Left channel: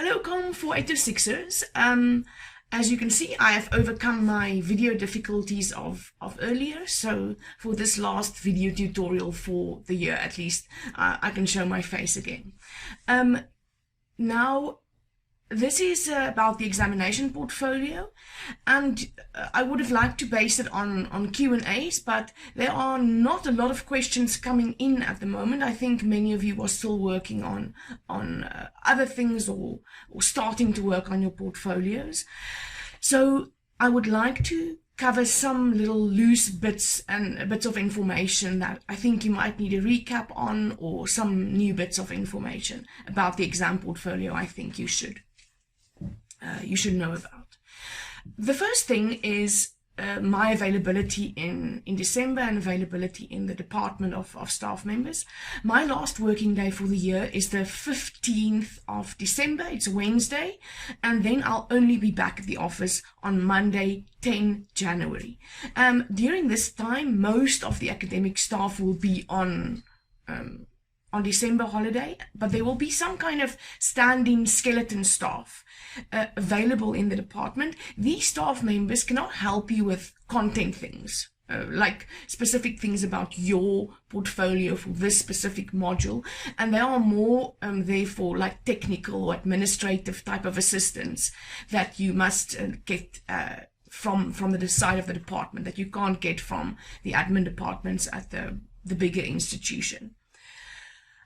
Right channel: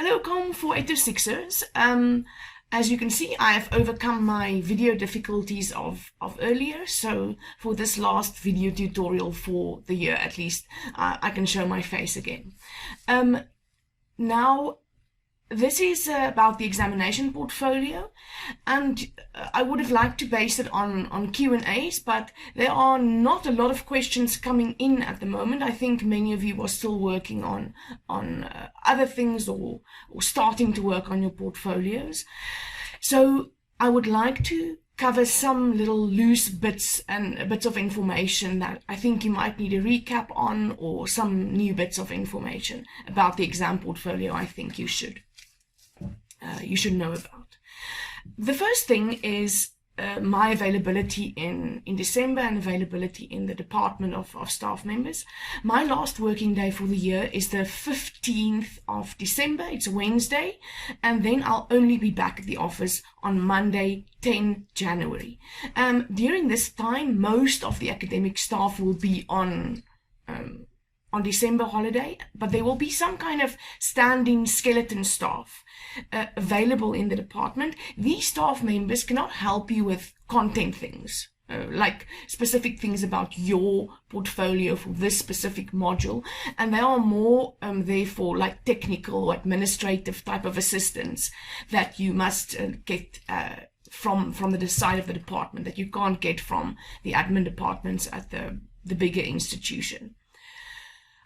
Hello COM4806ers. As you can see, I have overcome my video difficulties of earlier, so for this last video tutorial for the year at least, I can show my face again. Now, this is about the examination portfolio, and I would have liked to base it on Q&As, but there are not a lot of questions coming in at the moment. I think many of you are still working on other things or starting to work on your portfolios. So I would like to cover some little loose bits and bits of information that I think you might need a recap on, or some new bits of information about the exam portfolio I think you should know about. The first thing is my availability in December and availability in the department of staff members. My last working day for the year is the 15th of December. It's a Wednesday, and then I'll only be back at the office on Monday, 10 January. During this time, most of the academic staff will be on December holiday, but there will be some kind of standing skeleton staff available in the department. These staff members cannot help you with content things, like specific things about your portfolio for this specific module, and they are more therefore like technical or administrative type of assistance that you must get from the side of the department, that you can't get from the admin departments at the bigger institution.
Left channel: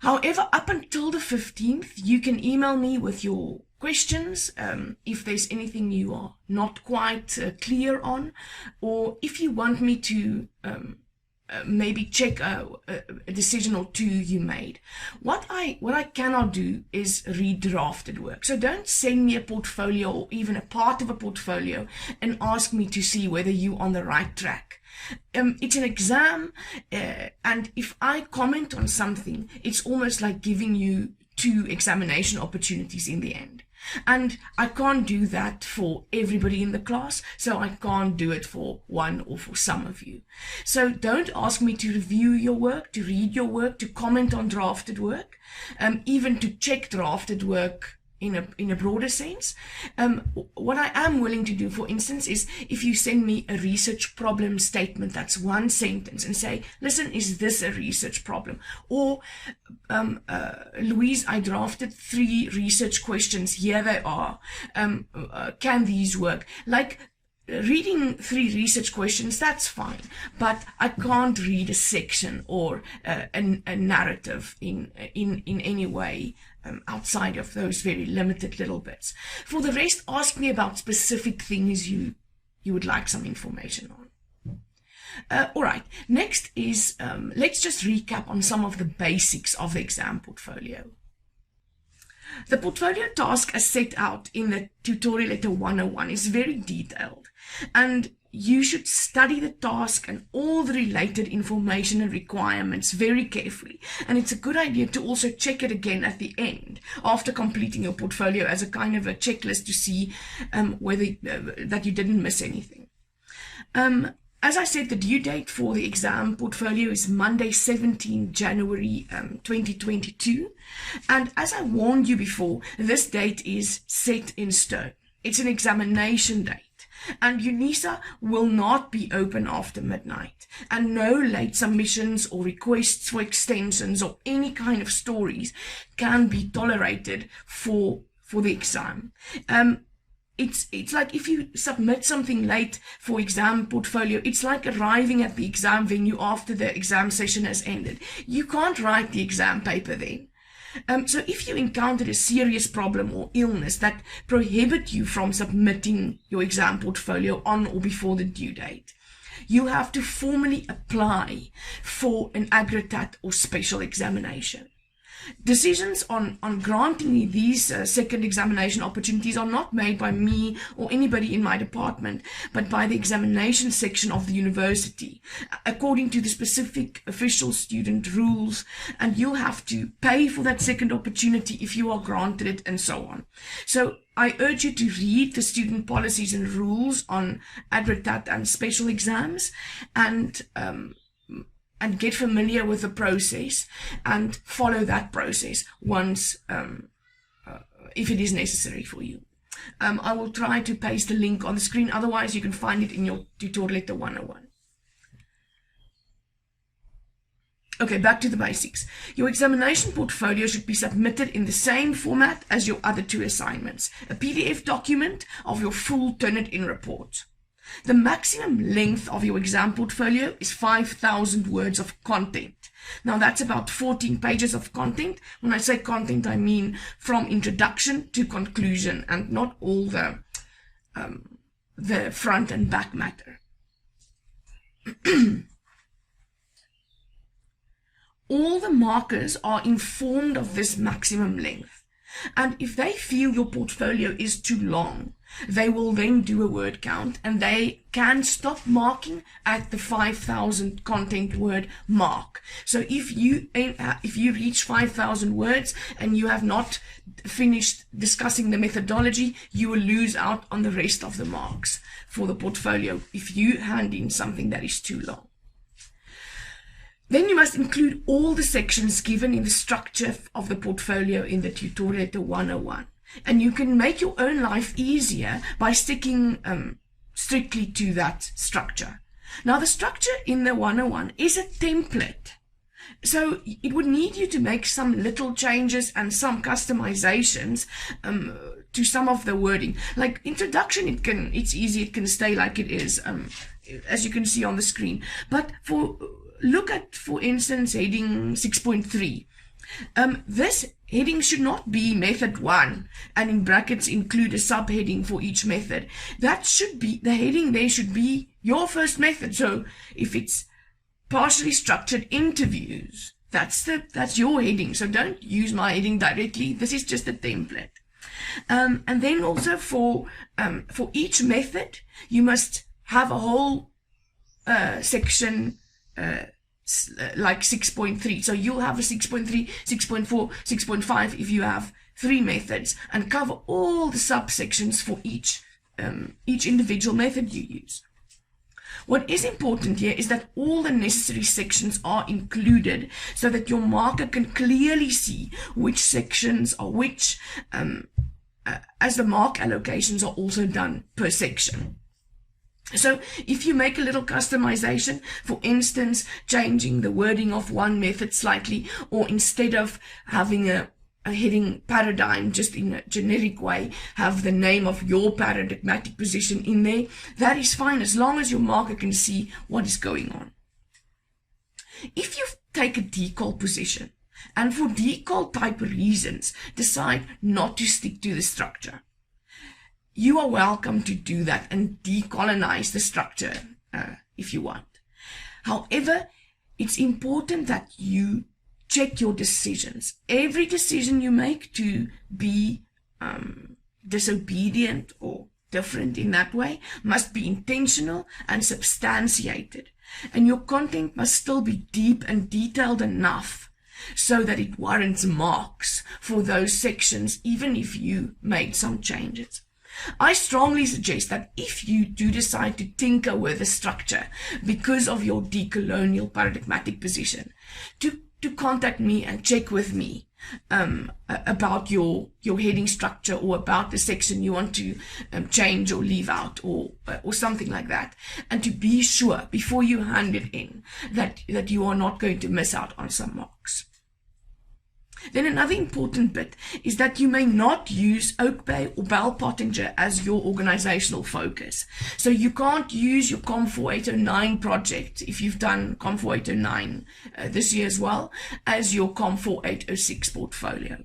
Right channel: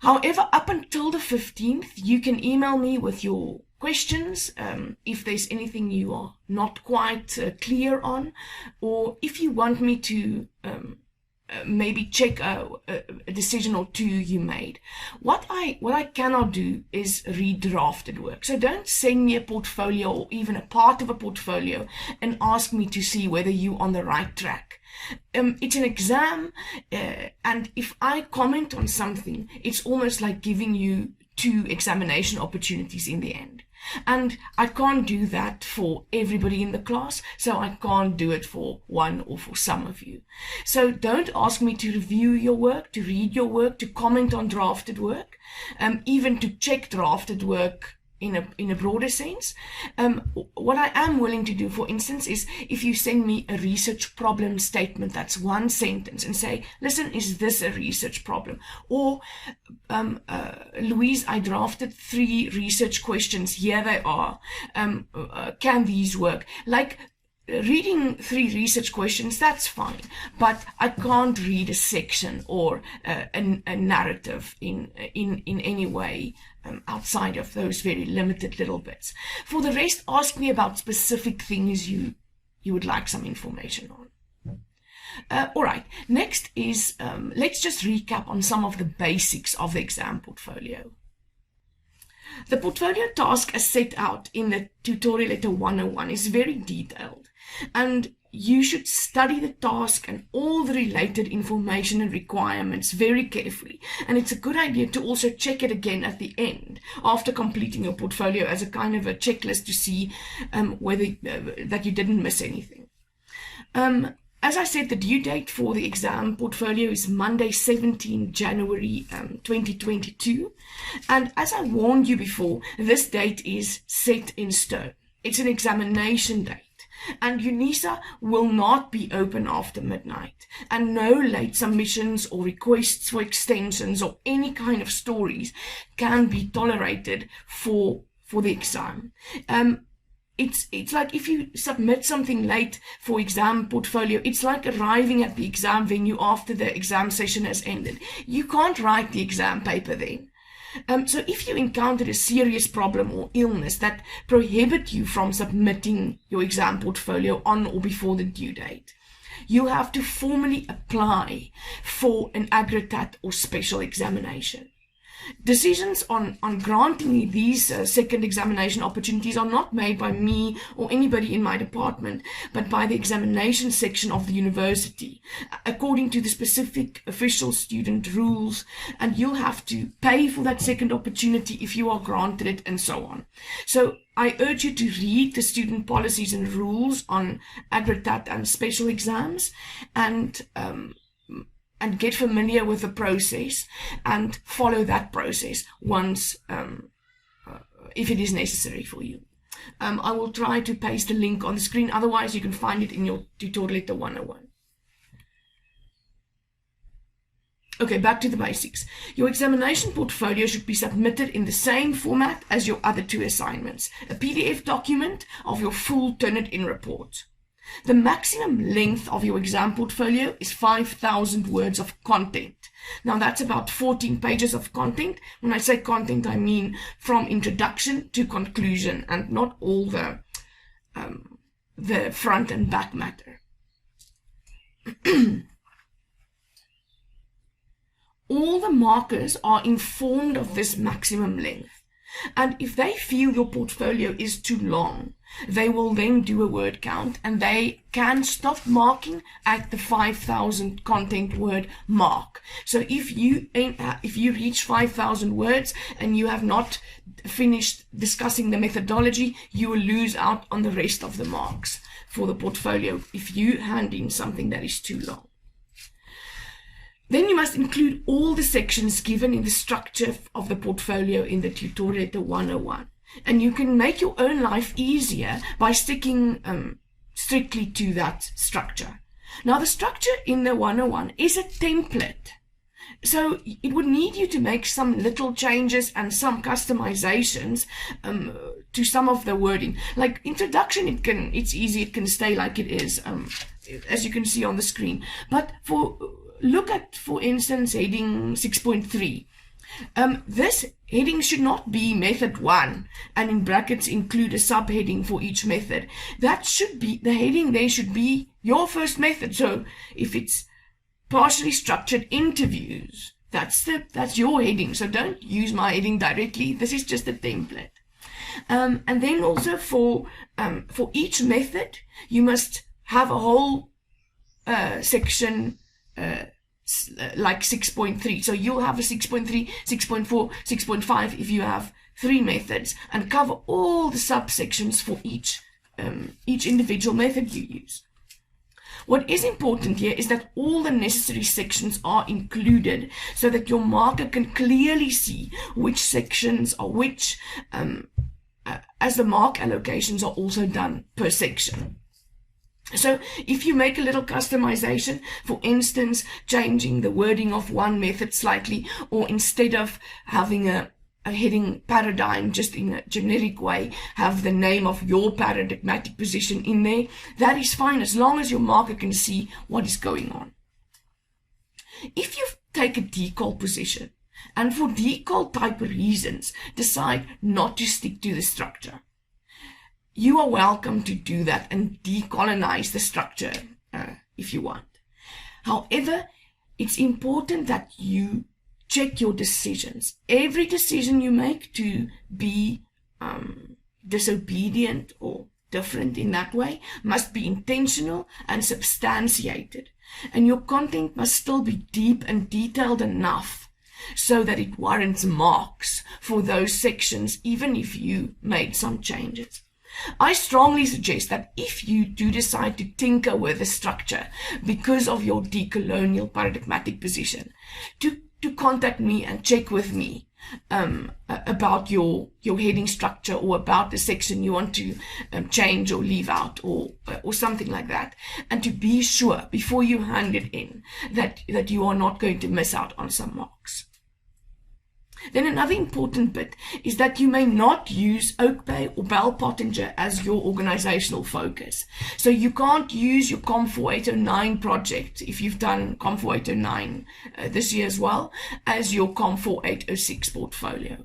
However, up until the 15th, you can email me with your questions if there's anything you are not quite clear on, or if you want me to maybe check a decision or two you made. What I cannot do is read drafted work. So don't send me a portfolio or even a part of a portfolio and ask me to see whether you're on the right track. It's an exam, and if I comment on something, it's almost like giving you 2 examination opportunities in the end. And I can't do that for everybody in the class, so I can't do it for one or for some of you. So don't ask me to review your work, to read your work, to comment on drafted work, even to check drafted work in a broader sense. What I am willing to do, for instance, is if you send me a research problem statement that's 1 sentence and say, listen, is this a research problem? Or, Louise, I drafted 3 research questions. Here they are. Can these work? Like, reading 3 research questions, that's fine, but I can't read a section or a narrative in any way outside of those very limited little bits. For the rest, ask me about specific things you would like some information on. All right, next is, let's just recap on some of the basics of the exam portfolio. The portfolio task as set out in the tutorial letter 101 is very detailed, and you should study the task and all the related information and requirements very carefully. And it's a good idea to also check it again at the end after completing your portfolio as a kind of a checklist to see whether that you didn't miss anything. As I said, the due date for the exam portfolio is Monday, 17 January 2022. And as I warned you before, this date is set in stone. It's an examination date. And UNISA will not be open after midnight. And no late submissions or requests for extensions or any kind of stories can be tolerated for the exam. It's like if you submit something late for exam portfolio, it's like arriving at the exam venue after the exam session has ended. You can't write the exam paper then. So if you encountered a serious problem or illness that prohibit you from submitting your exam portfolio on or before the due date, you have to formally apply for an aggregate or special examination. Decisions on granting these second examination opportunities are not made by me or anybody in my department, but by the examination section of the university, according to the specific official student rules, and you'll have to pay for that second opportunity if you are granted it, and so on. So I urge you to read the student policies and rules on aggregate and special exams, and get familiar with the process and follow that process once if it is necessary for you. I will try to paste the link on the screen, otherwise you can find it in your tutorial letter 101. Okay, back to the basics. Your examination portfolio should be submitted in the same format as your other 2 assignments, a PDF document of your full Turnitin report. The maximum length of your exam portfolio is 5,000 words of content. Now that's about 14 pages of content. When I say content, I mean from introduction to conclusion, and not all the front and back matter. All the markers are informed of this maximum length, and if they feel your portfolio is too long, they will then do a word count, and they can stop marking at the 5,000 content word mark. So if you reach 5,000 words and you have not finished discussing the methodology, you will lose out on the rest of the marks for the portfolio if you hand in something that is too long. Then you must include all the sections given in the structure of the portfolio in the tutorial letter 101. And you can make your own life easier by sticking strictly to that structure. Now, the structure in the 101 is a template. So it would need you to make some little changes and some customizations to some of the wording. Like introduction, it's easy, it can stay like it is, as you can see on the screen. But look at, for instance, heading 6.3. This heading should not be method 1 and in brackets include a subheading for each method. That should be, the heading there should be your first method. So if it's partially structured interviews, that's your heading. So don't use my heading directly. This is just a template. And then also for each method, you must have a whole section like 6.3. So you'll have a 6.3, 6.4, 6.5 if you have 3 methods, and cover all the subsections for each individual method you use. What is important here is that all the necessary sections are included so that your marker can clearly see which sections are which, as the mark allocations are also done per section. So if you make a little customization, for instance, changing the wording of one method slightly, or instead of having a heading paradigm just in a generic way, have the name of your paradigmatic position in there, that is fine as long as your marker can see what is going on. If you take a decol position and for decol type reasons decide not to stick to the structure, you are welcome to do that and decolonize the structure if you want. However, it's important that you check your decisions. Every decision you make to be disobedient or different in that way must be intentional and substantiated. And your content must still be deep and detailed enough so that it warrants marks for those sections, even if you made some changes. I strongly suggest that if you do decide to tinker with the structure because of your decolonial paradigmatic position, to contact me and check with me about your heading structure or about the section you want to change or leave out or something like that, and to be sure before you hand it in that you are not going to miss out on some marks. Then another important bit is that you may not use Oak Bay or Bell Pottinger as your organizational focus. So you can't use your COM4809 project, if you've done COM4809 this year as well, as your COM4806 portfolio.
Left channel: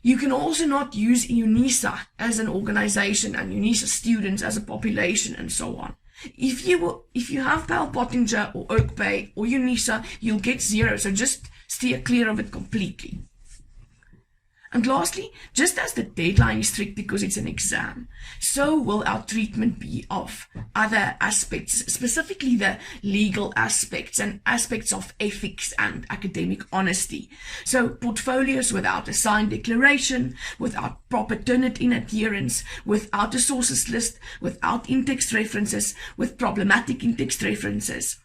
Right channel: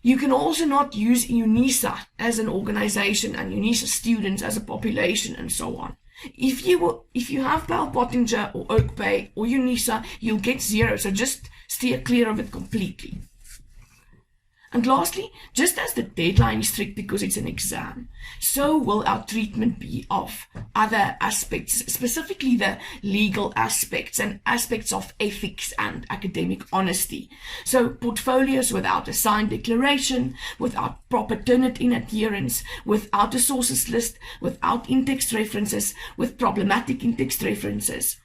You can also not use UNISA as an organization and UNISA students as a population and so on. If you have Bell Pottinger or Oak Bay or UNISA, you'll get 0. So just steer clear of it completely. And lastly, just as the deadline is strict because it's an exam, so will our treatment be of other aspects, specifically the legal aspects and aspects of ethics and academic honesty. So portfolios without a signed declaration, without proper Turnitin adherence, without a sources list, without in-text references, with problematic in-text references,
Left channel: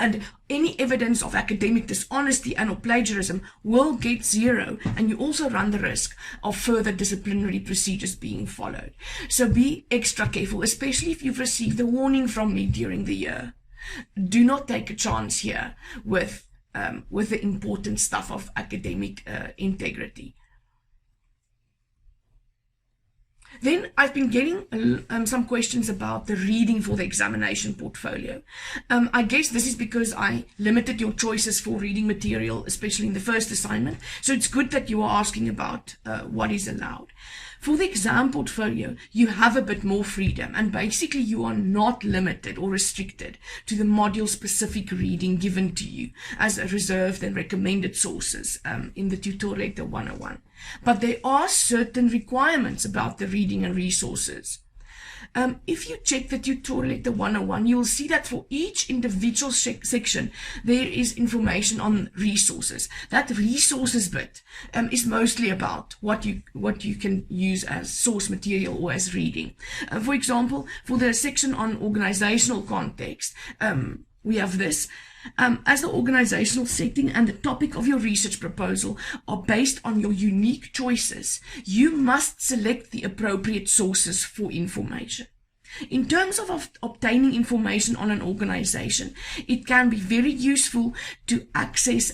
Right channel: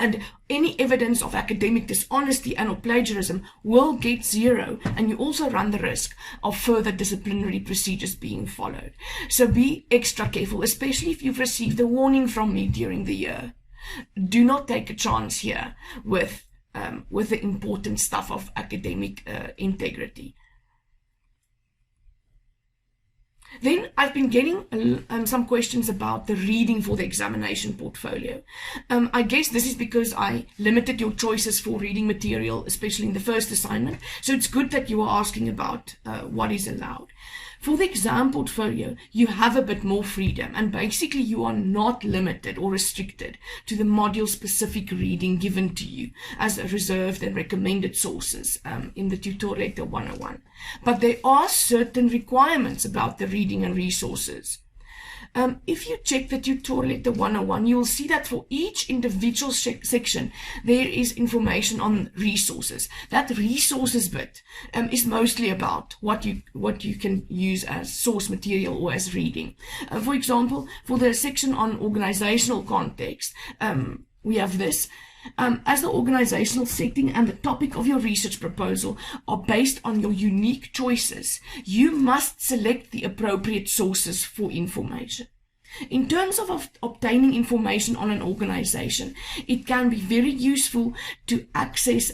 And any evidence of academic dishonesty and or plagiarism will get 0, and you also run the risk of further disciplinary procedures being followed. So be extra careful, especially if you've received a warning from me during the year. Do not take a chance here with the important stuff of academic integrity. Then I've been getting some questions about the reading for the examination portfolio. I guess this is because I limited your choices for reading material, especially in the first assignment. So it's good that you are asking about what is allowed. For the exam portfolio, you have a bit more freedom, and basically you are not limited or restricted to the module-specific reading given to you as reserved and recommended sources in the tutorial letter 101. But there are certain requirements about the reading and resources. If you check the tutorial letter 101, you will see that for each individual section, there is information on resources. That resources bit is mostly about what you can use as source material or as reading. For example, for the section on organizational context, we have this. As the organizational setting and the topic of your research proposal are based on your unique choices, you must select the appropriate sources for information. In terms of obtaining information on an organization, it can be very useful to access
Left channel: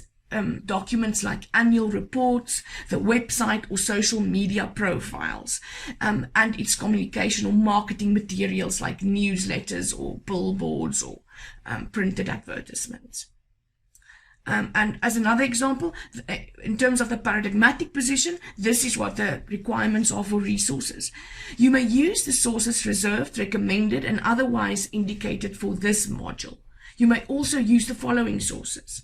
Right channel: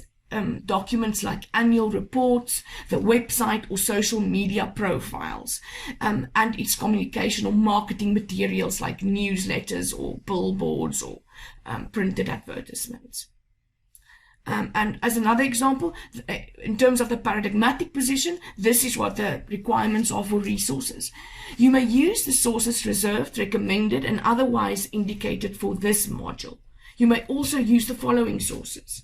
documents like annual reports, the website or social media profiles, and its communication or marketing materials like newsletters or billboards or printed advertisements. And as another example, in terms of the paradigmatic position, this is what the requirements are for resources. You may use the sources reserved, recommended, and otherwise indicated for this module. You may also use the following sources:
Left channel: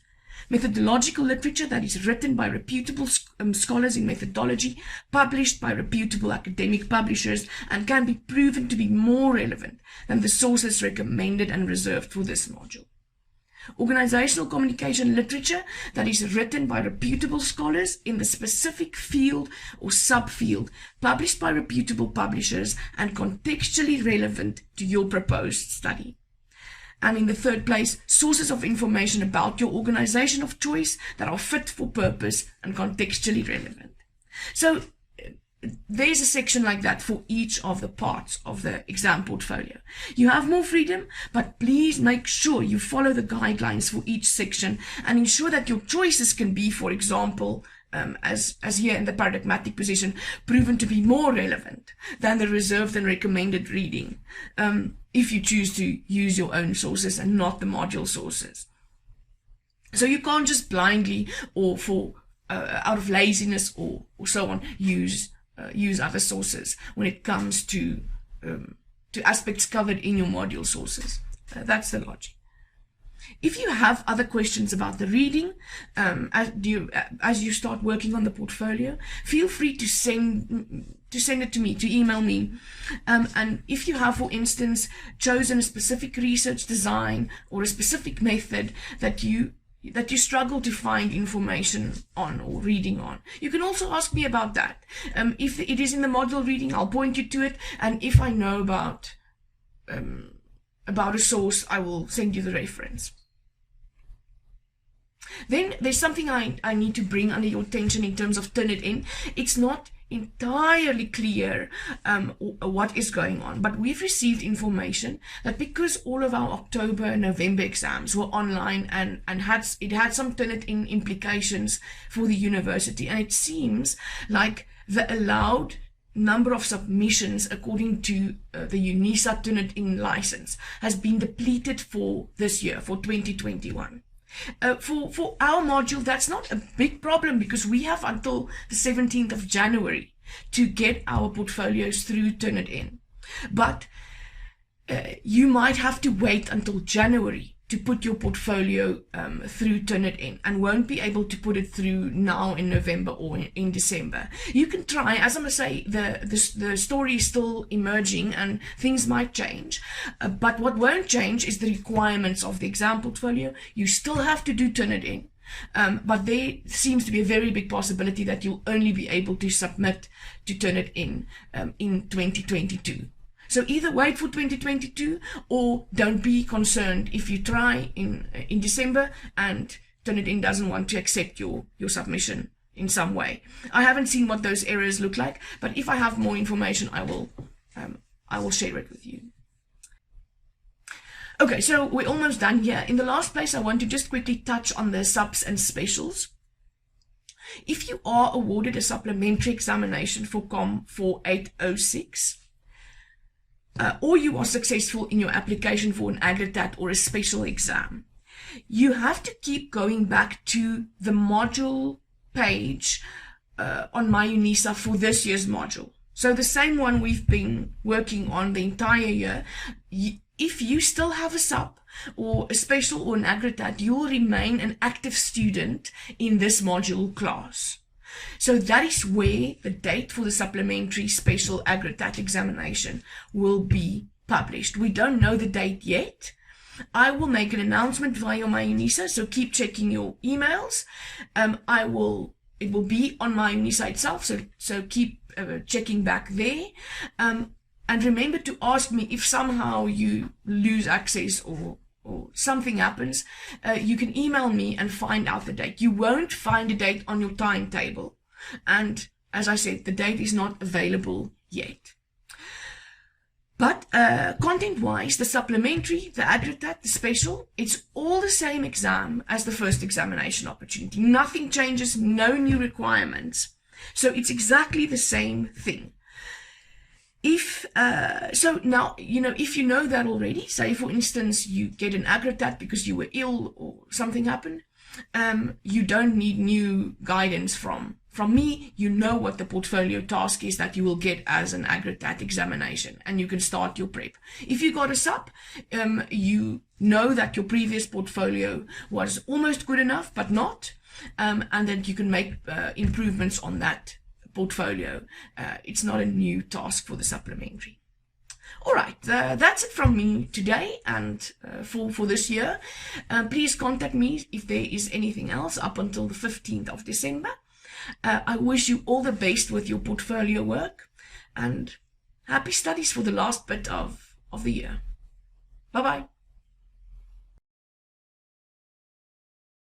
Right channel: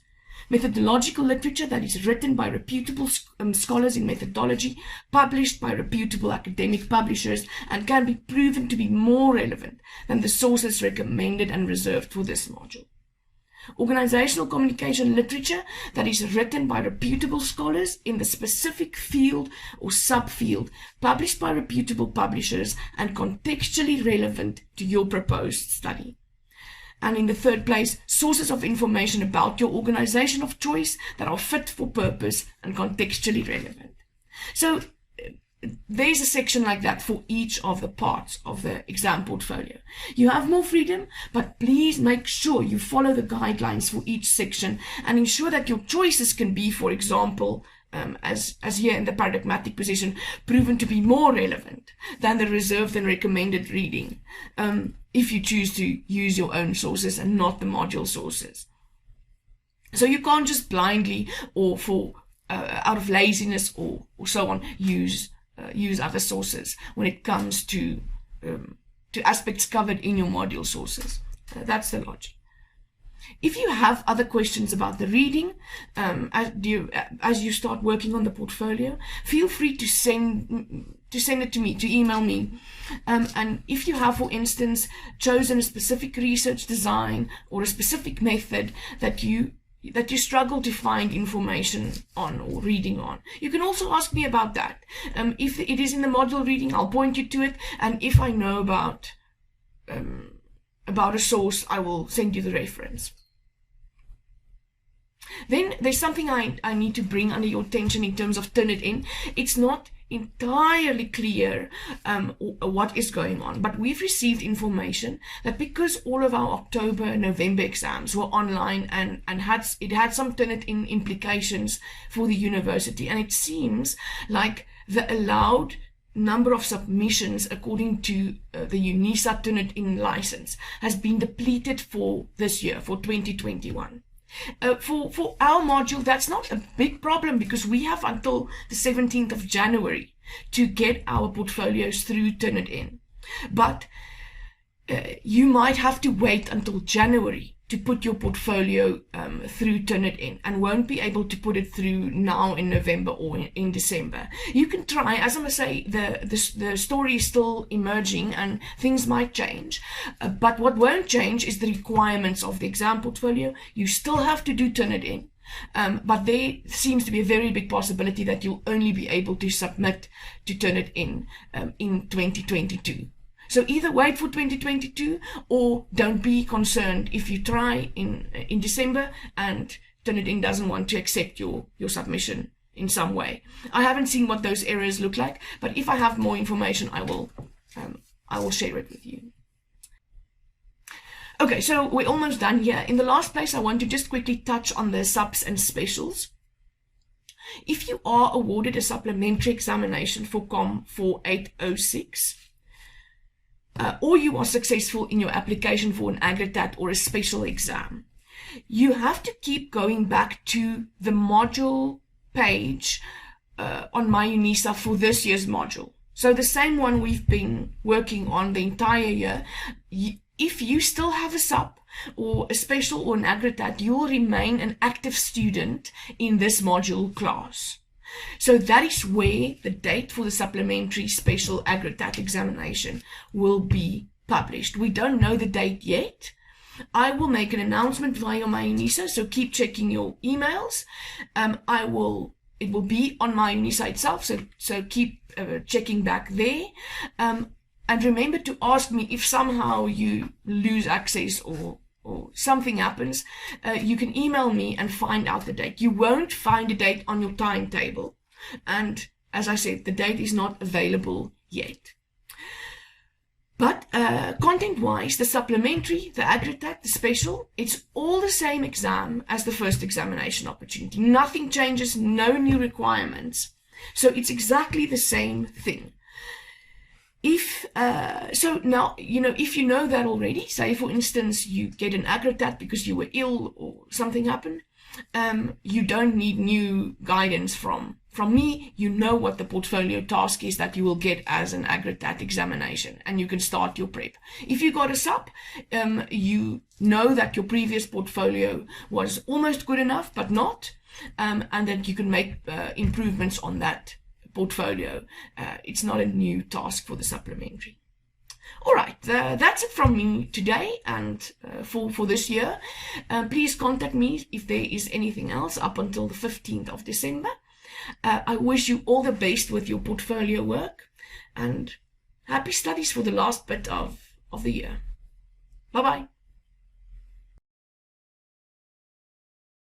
methodological literature that is written by reputable scholars in methodology, published by reputable academic publishers, and can be proven to be more relevant than the sources recommended and reserved for this module. Organizational communication literature that is written by reputable scholars in the specific field or subfield, published by reputable publishers, and contextually relevant to your proposed study. And in the third place, sources of information about your organization of choice that are fit for purpose and contextually relevant. So there's a section like that for each of the parts of the exam portfolio. You have more freedom, but please make sure you follow the guidelines for each section and ensure that your choices can be, for example, as here in the paradigmatic position, proven to be more relevant than the reserved and recommended reading, if you choose to use your own sources and not the module sources. So you can't just blindly or for out of laziness or so on use other sources when it comes to aspects covered in your module sources. That's the logic. If you have other questions about the reading, as you start working on the portfolio, feel free to send it to me, to email me. And if you have, for instance, chosen a specific research design or a specific method that you struggle to find information on or reading on, you can also ask me about that. If it is in the module reading, I'll point you to it, and if I know about a source, I will send you the reference. Then there's something I need to bring under your attention in terms of Turnitin. It's not entirely clear what is going on, but we've received information that because all of our October and November exams were online and it had some Turnitin implications for the university, and it seems like the allowed number of submissions according to the UNISA Turnitin license has been depleted for this year, for 2021. For our module, that's not a big problem because we have until the 17th of January to get our portfolios through Turnitin. But you might have to wait until January to put your portfolio through Turnitin and won't be able to put it through now in November or in December. You can try. As I must say, the story is still emerging and things might change. But what won't change is the requirements of the exam portfolio. You still have to do Turnitin. But there seems to be a very big possibility that you'll only be able to submit to Turnitin in 2022. So either wait for 2022 or don't be concerned if you try in December and Turnitin doesn't want to accept your submission in some way. I haven't seen what those errors look like, but if I have more information, I will share it with you. Okay, so we're almost done here. In the last place, I want to just quickly touch on the subs and specials. If you are awarded a supplementary examination for COM4806, or you are successful in your application for an aggregate or a special exam, you have to keep going back to the module page on My UNISA for this year's module. So the same one we've been working on the entire year. If you still have a sub or a special or an aggregate, you will remain an active student in this module class. So that is where the date for the supplementary special aggregate examination will be published. We don't know the date yet. I will make an announcement via My UNISA, so keep checking your emails. It will be on My UNISA itself, so keep checking back there. And remember to ask me if somehow you lose access or something happens. You can email me and find out the date. You won't find a date on your timetable. And as I said, the date is not available yet. But content-wise, the supplementary, the aggregate, the special, it's all the same exam as the first examination opportunity. Nothing changes, no new requirements. So it's exactly the same thing. So now, if you know that already, say for instance, you get an aggregate because you were ill or something happened, you don't need new guidance from me. You know what the portfolio task is that you will get as an aggregate examination, and you can start your prep. If you got a sub, you know that your previous portfolio was almost good enough, but not, and then you can make improvements on that portfolio. It's not a new task for the supplementary. All right, that's it from me today and for this year. Please contact me if there is anything else up until the 15th of December. I wish you all the best with your portfolio work, and happy studies for the last bit of the year. Bye-bye.